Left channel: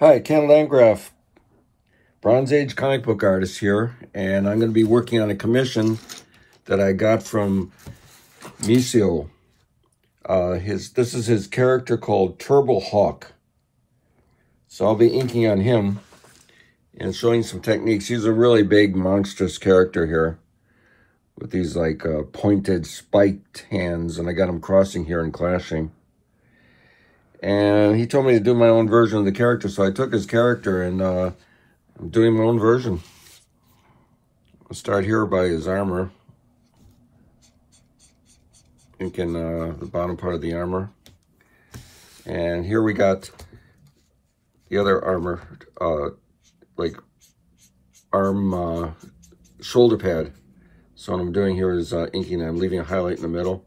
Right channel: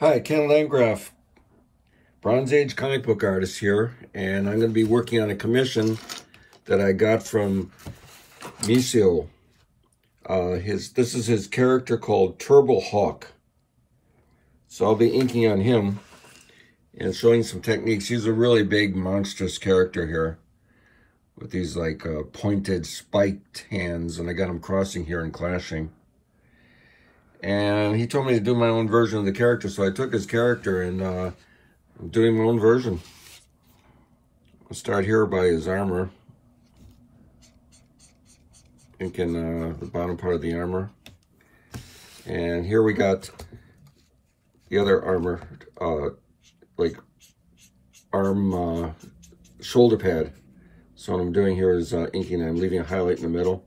Hi, Ken Landgraf, Bronze Age comic book artist here, and I'm going to be working on a commission that I got from Messimo. This is his character called Turbo Hawk. So I'll be inking on him and showing some techniques. He's a really big, monstrous character here with these like pointed, spiked hands, and I got him crossing here and clashing. And he told me to do my own version of the character, so I took his character and I'm doing my own version. I'll start here by his armor, inking the bottom part of the armor. And here we got the other armor, like arm shoulder pad. So what I'm doing here is inking, I'm leaving a highlight in the middle.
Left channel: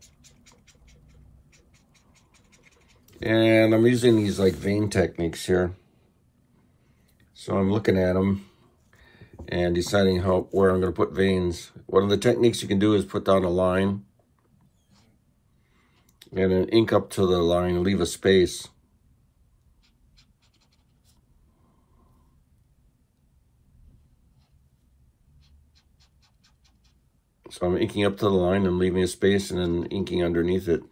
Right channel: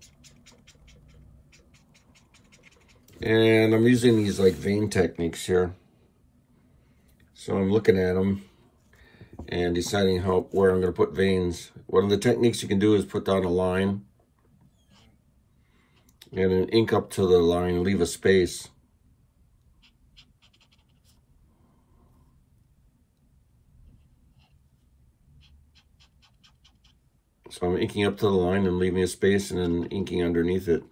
And I'm using these like vein techniques here. So I'm looking at them and deciding where I'm going to put veins. One of the techniques you can do is put down a line and then ink up to the line, leave a space. So I'm inking up to the line and leaving a space and then inking underneath it.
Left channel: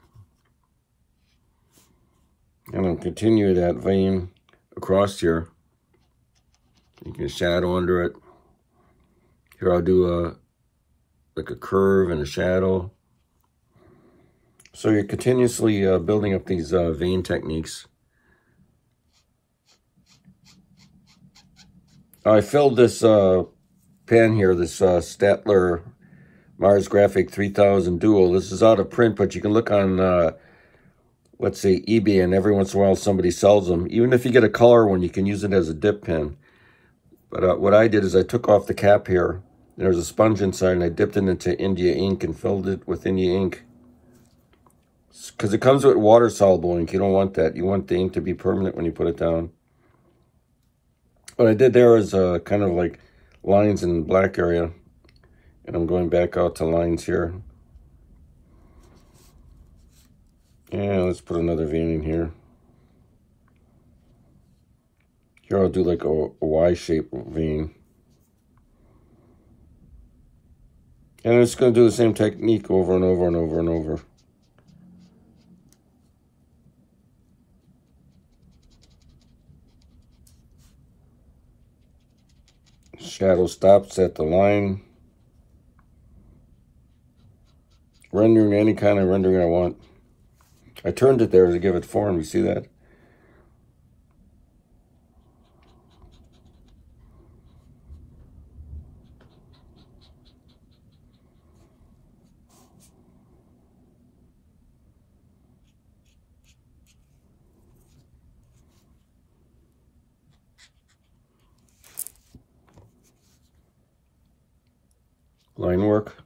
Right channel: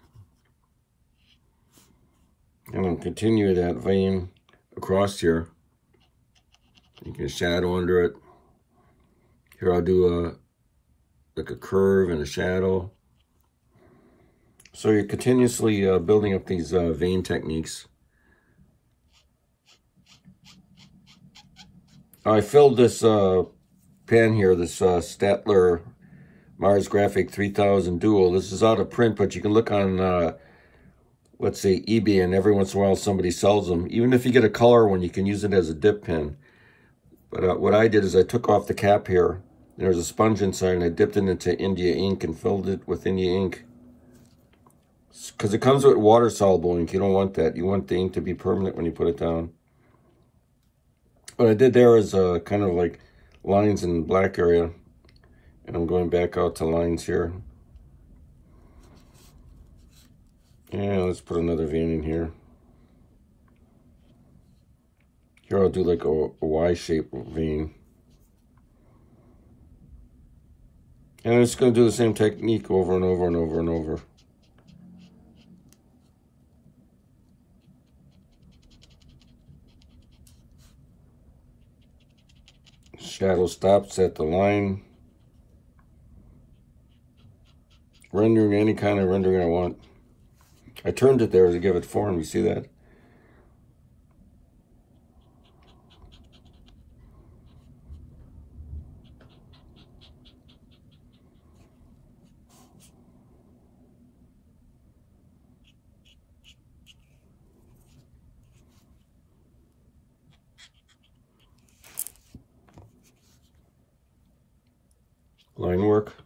And I'll continue that vein across here. You can shadow under it. Here I'll do like a curve and a shadow. So you're continuously building up these vein techniques. I filled this pen here, this Statler Mars Graphic 3000 Dual. This is out of print, but you can look on let's say eBay, and every once in a while somebody sells them. Even if you get a color one, you can use it as a dip pen. But what I did is I took off the cap here. There was a sponge inside, and I dipped it into India ink and filled it with India ink. Because it comes with water-soluble ink. You don't want that. You want the ink to be permanent when you put it down. What I did there is kind of like lines in the black area. And I'm going back out to lines here. And let's put another vein in here. Here I'll do like a Y-shaped vein. And I'm just going to do the same technique over and over and over and over. Shadow stops at the line. Rendering any kind of rendering I want. I turned it there to give it form, you see that? Line work.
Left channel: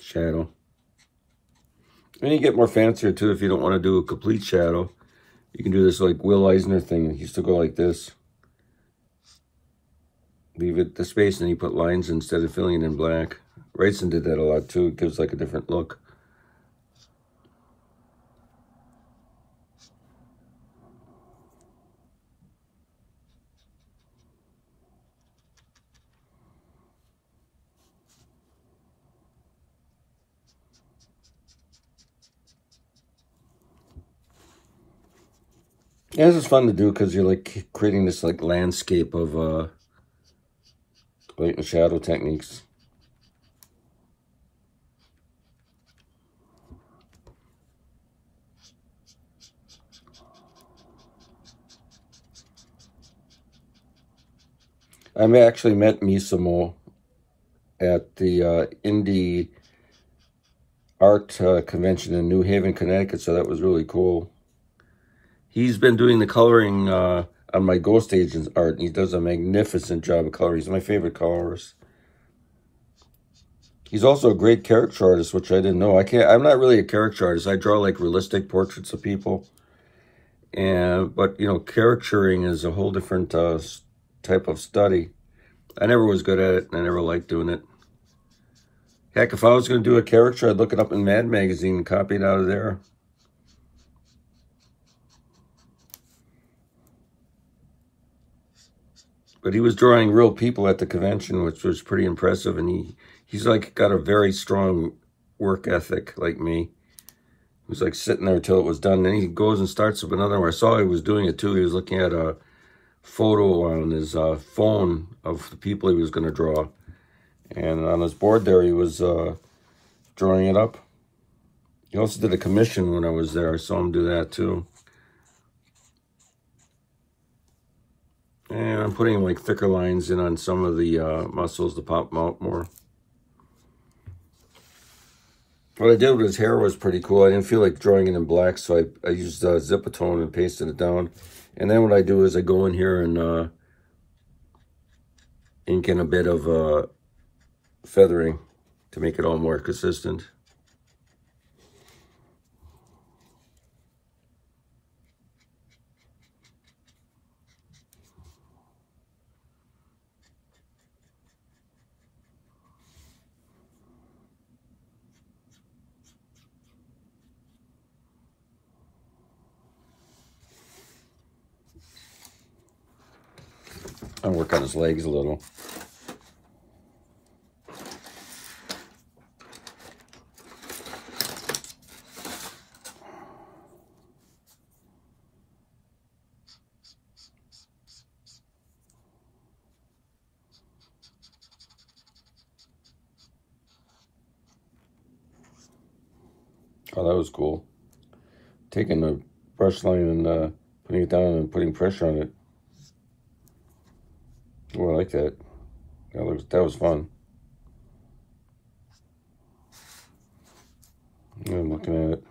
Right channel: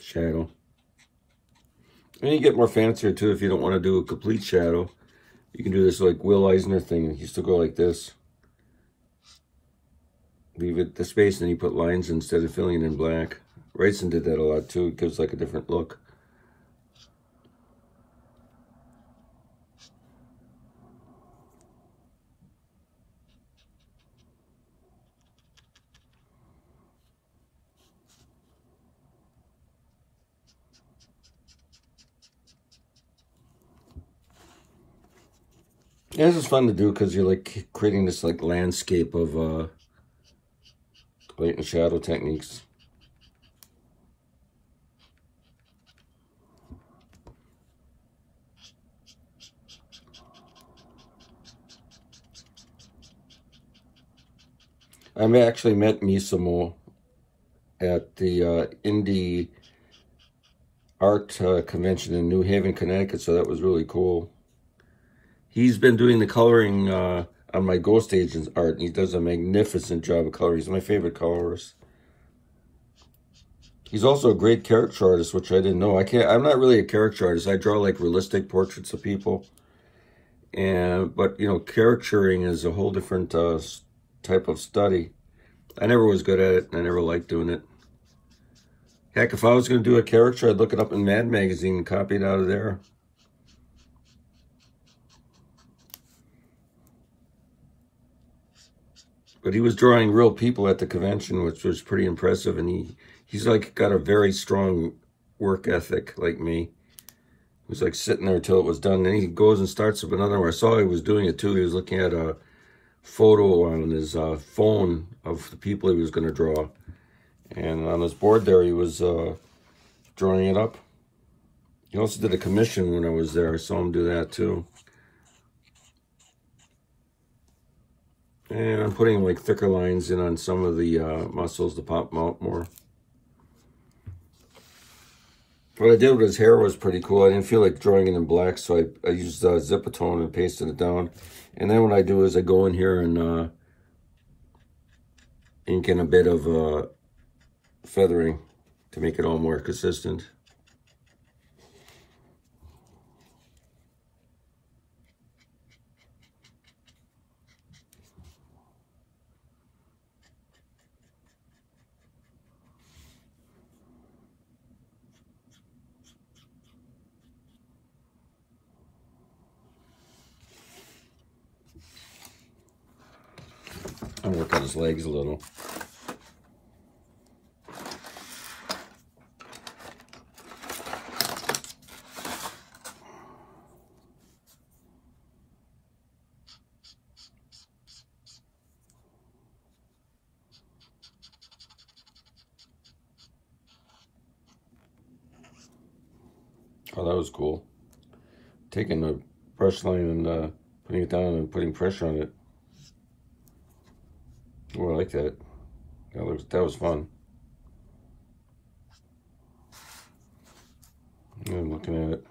Shadow. And you get more fancier too if you don't want to do a complete shadow. You can do this like Will Eisner thing. He used to go like this. Leave it the space and then you put lines instead of filling it in black. Rayson did that a lot too. It gives like a different look. Yeah, this is fun to do because you're like creating this like landscape of light and shadow techniques. I actually met Messimo at the Indie Art Convention in New Haven, Connecticut, so that was really cool. He's been doing the coloring on my Ghost Agents art, and he does a magnificent job of coloring. He's my favorite colorist. He's also a great character artist, which I didn't know. I'm not really a character artist. I draw like realistic portraits of people. But you know, caricaturing is a whole different type of study. I never was good at it, and I never liked doing it. Heck, if I was going to do a character, I'd look it up in Mad Magazine and copy it out of there. But he was drawing real people at the convention, which was pretty impressive. And he's like got a very strong work ethic like me. He was like sitting there till it was done. Then he goes and starts up another one. I saw he was doing it too. He was looking at a photo on his phone of the people he was going to draw. And on his board there, he was drawing it up. He also did a commission when I was there. I saw him do that too. And I'm putting like thicker lines in on some of the muscles to pop them out more. What I did with his hair was pretty cool. I didn't feel like drawing it in black, so I used Zip-A-Tone and pasted it down. And then what I do is I go in here and ink in a bit of feathering to make it all more consistent. I'll work on his legs a little. Oh, that was cool. Taking the brush line and putting it down and putting pressure on it. Oh, I like that. That was fun. I'm looking at it.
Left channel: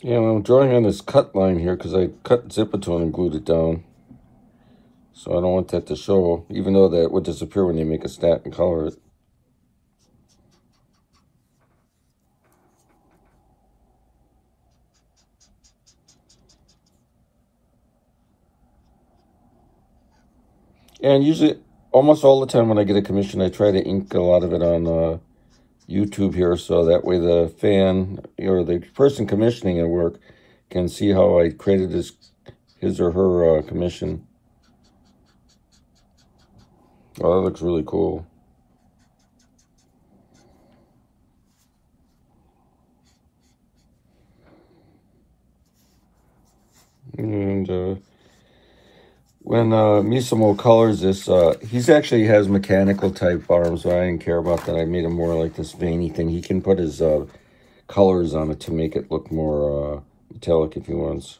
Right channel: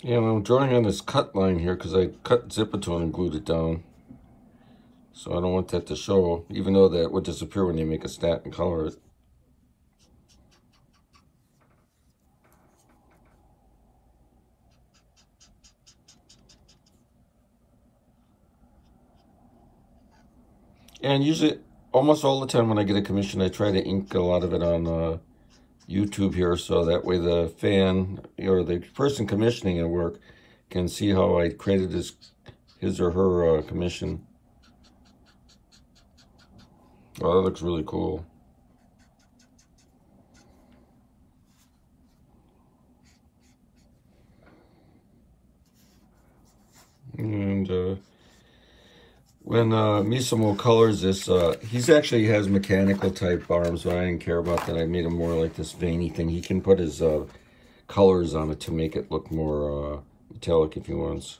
Yeah, I'm drawing on this cut line here because I cut Zip-A-Tone and glued it down. So I don't want that to show, even though that would disappear when they make a stat and color it. And usually, almost all the time when I get a commission, I try to ink a lot of it on YouTube here, so that way the fan or the person commissioning a work can see how I created his or her commission. Oh, that looks really cool. And when Messimo colors this, he's actually has mechanical type arms, so I didn't care about that. I made him more like this veiny thing. He can put his colors on it to make it look more metallic if he wants.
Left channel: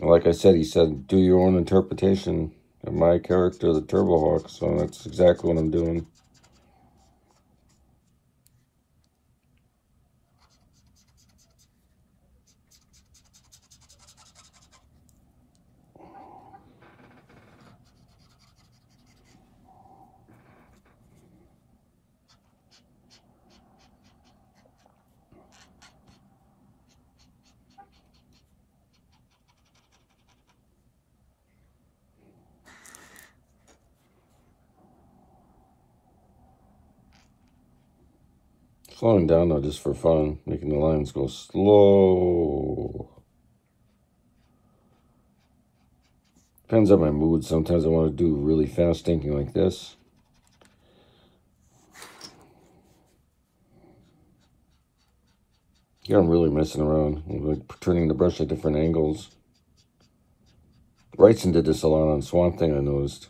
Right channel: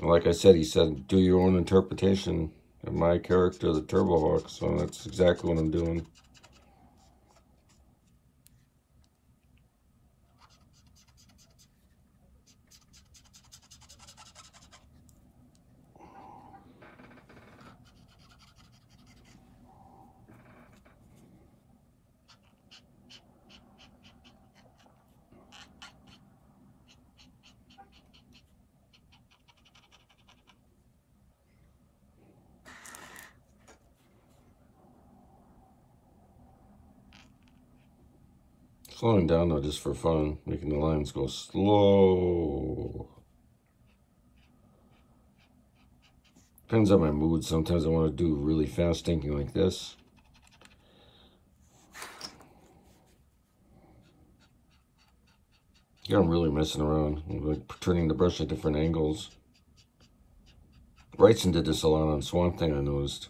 Like I said, he said, do your own interpretation of my character, the Turbo Hawk, so that's exactly what I'm doing. Slowing down though, just for fun, making the lines go slow. Depends on my mood. Sometimes I want to do really fast thinking like this. Yeah, I'm really messing around. I'm like turning the brush at different angles. Wrightson did this a lot on Swamp Thing, I noticed.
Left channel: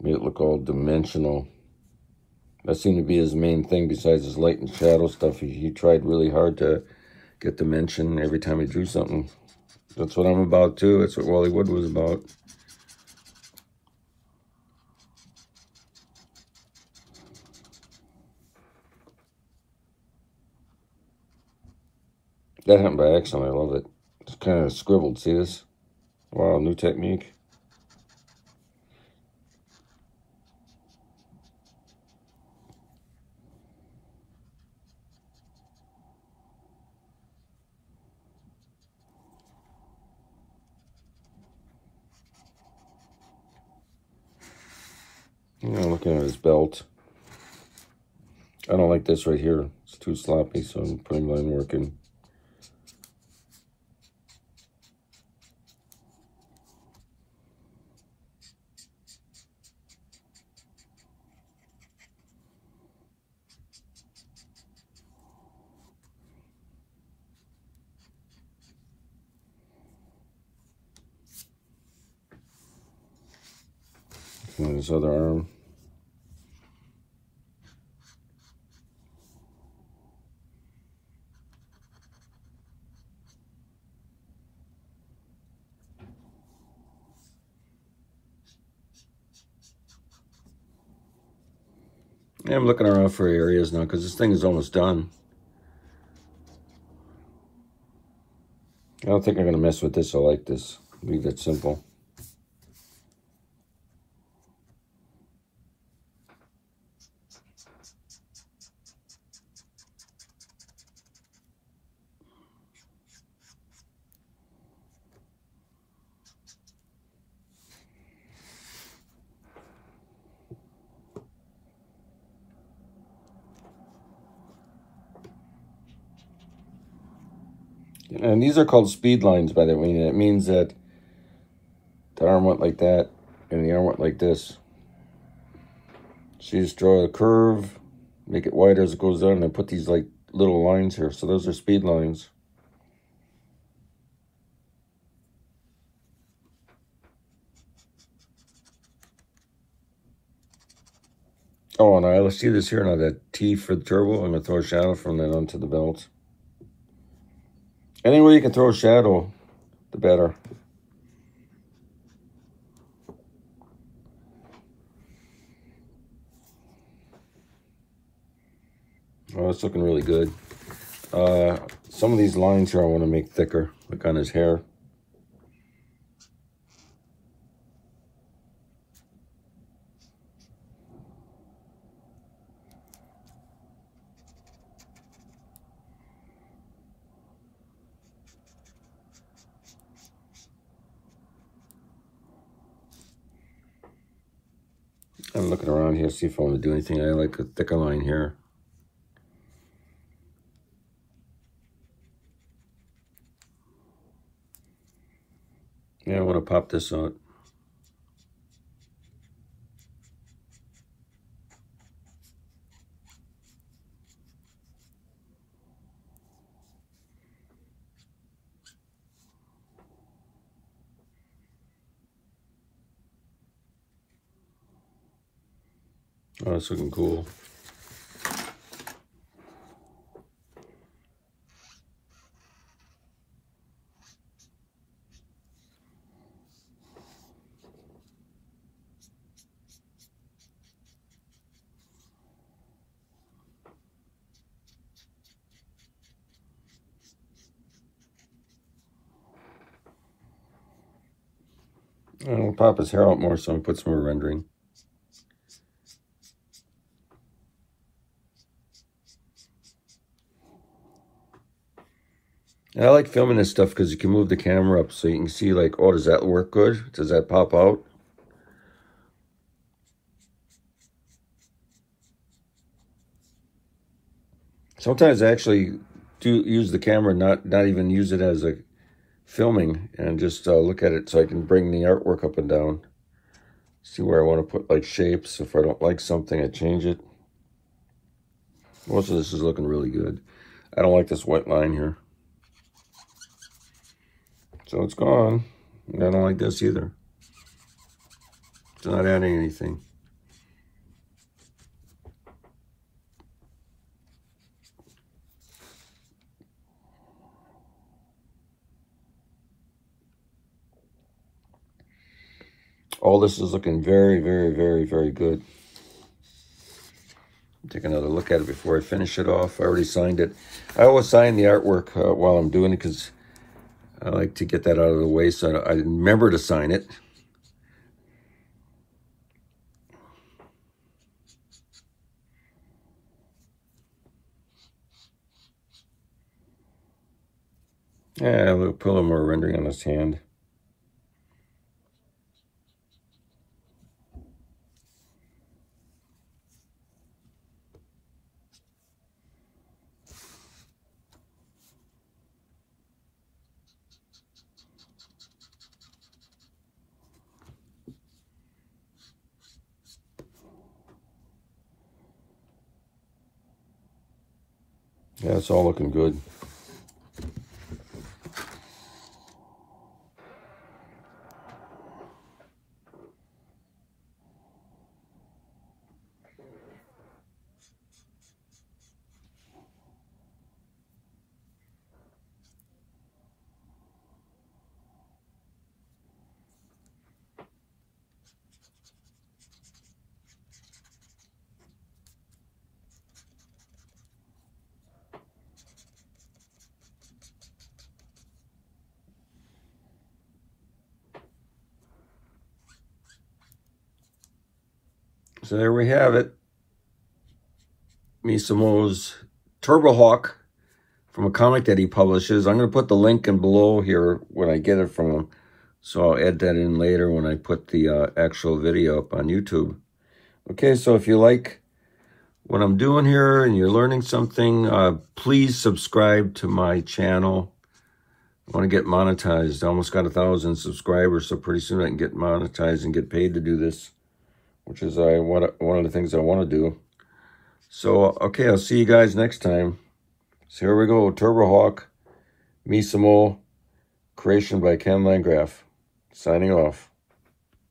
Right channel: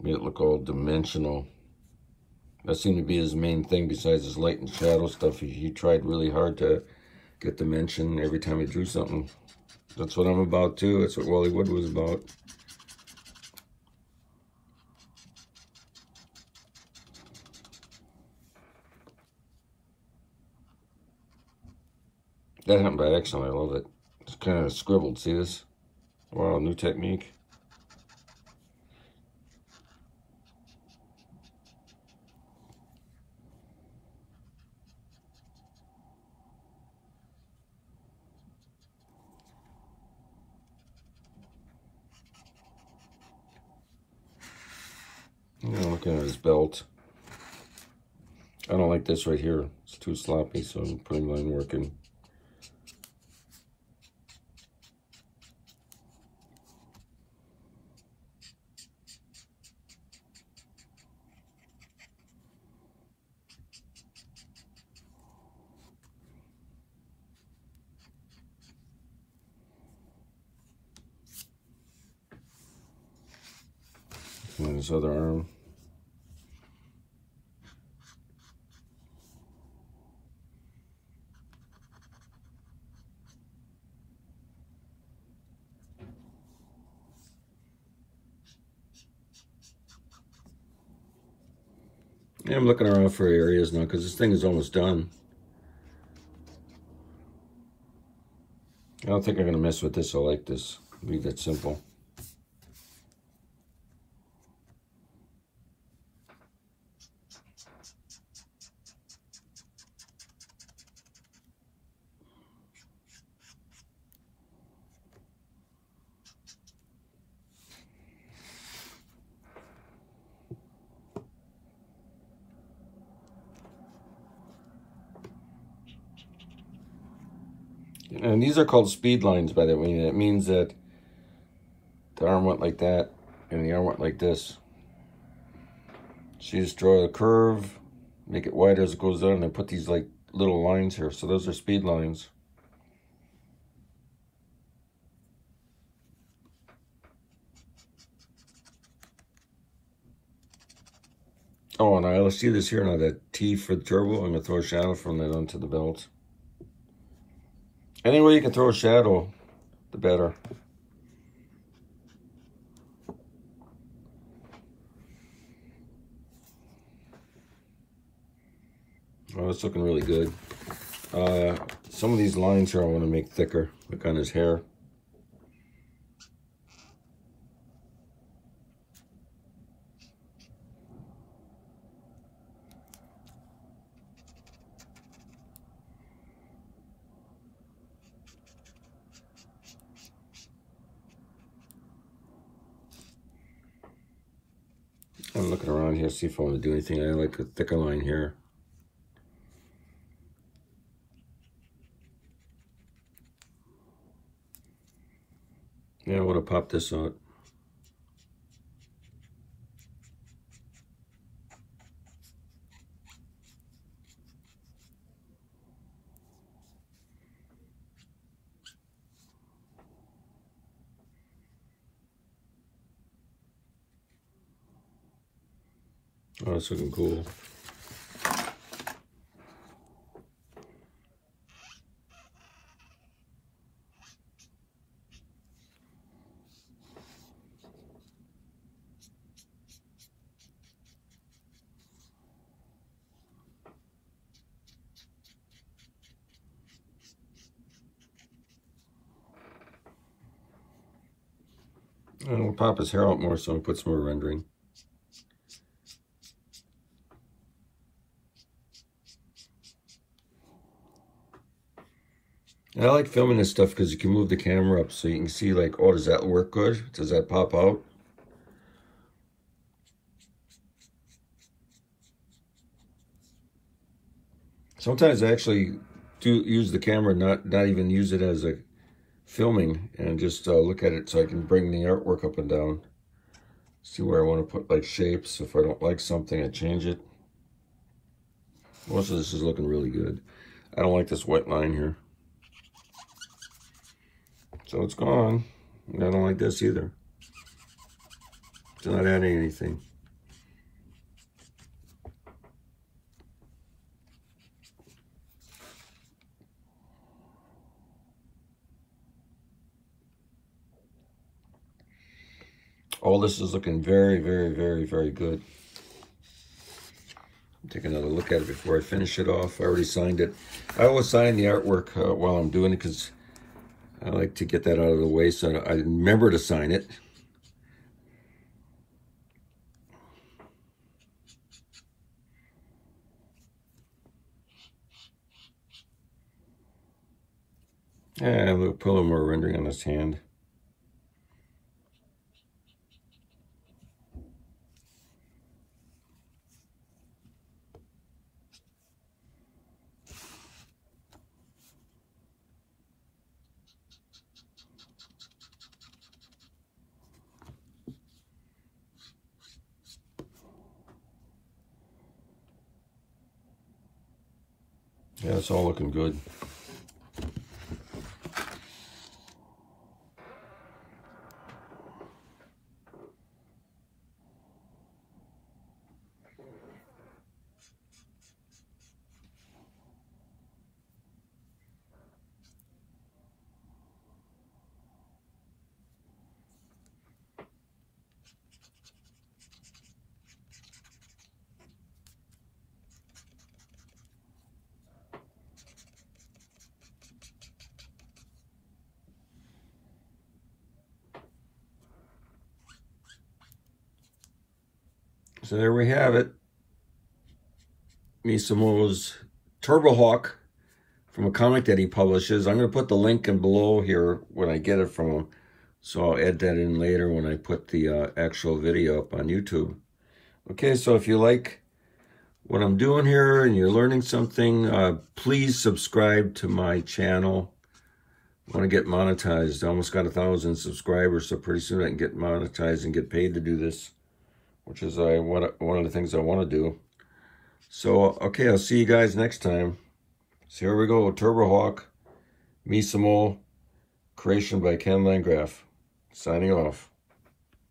Made it look all dimensional. That seemed to be his main thing besides his light and shadow stuff. He tried really hard to get dimension every time he drew something. That's what I'm about too. That's what Wally Wood was about. That happened by accident. I love it. It's kind of scribbled. See this? Wow, new technique. Yeah, looking at his belt. I don't like this right here. It's too sloppy, so I'm putting line work in. And his other arm. Yeah, I'm looking around for areas now because this thing is almost done. I don't think I'm going to mess with this. I like this. Leave that simple. And these are called speed lines, by the way. It means that the arm went like that and the arm went like this. So you just draw the curve, make it wider as it goes down, and then put these like little lines here. So those are speed lines. Oh, and let's see this here now, that T for the turbo. I'm going to throw a shadow from that onto the belt. Any way you can throw a shadow, the better. Oh, it's looking really good. Some of these lines here I want to make thicker, like on his hair. I'm looking around here, see if I want to do anything. I like a thicker line here. Yeah, I want to pop this out. Oh, it's looking cool. I'll pop his hair out more, so I'll put some more rendering. And I like filming this stuff because you can move the camera up so you can see like, oh, does that work good? Does that pop out? Sometimes I actually do use the camera, not even use it as a filming, and just look at it so I can bring the artwork up and down. See where I want to put like shapes. If I don't like something, I change it. Most of this is looking really good. I don't like this white line here. So it's gone. I don't like this either. It's not adding anything. All this is looking very, very, very, very good. Take another look at it before I finish it off. I already signed it. I always sign the artwork while I'm doing it because I like to get that out of the way so I remember to sign it. Yeah, we'll put a little more rendering on this hand. Yeah, it's all looking good. So there we have it. Messimo's Turbo Hawk from a comic that he publishes. I'm going to put the link in below here when I get it from him. So I'll add that in later when I put the actual video up on YouTube. Okay, so if you like what I'm doing here and you're learning something, please subscribe to my channel. I want to get monetized. I almost got 1,000 subscribers, so pretty soon I can get monetized and get paid to do this, which is one of the things I want to do. So, okay, I'll see you guys next time. So here we go, Turbo Hawk, Messimo, creation by Ken Landgraf. Signing off.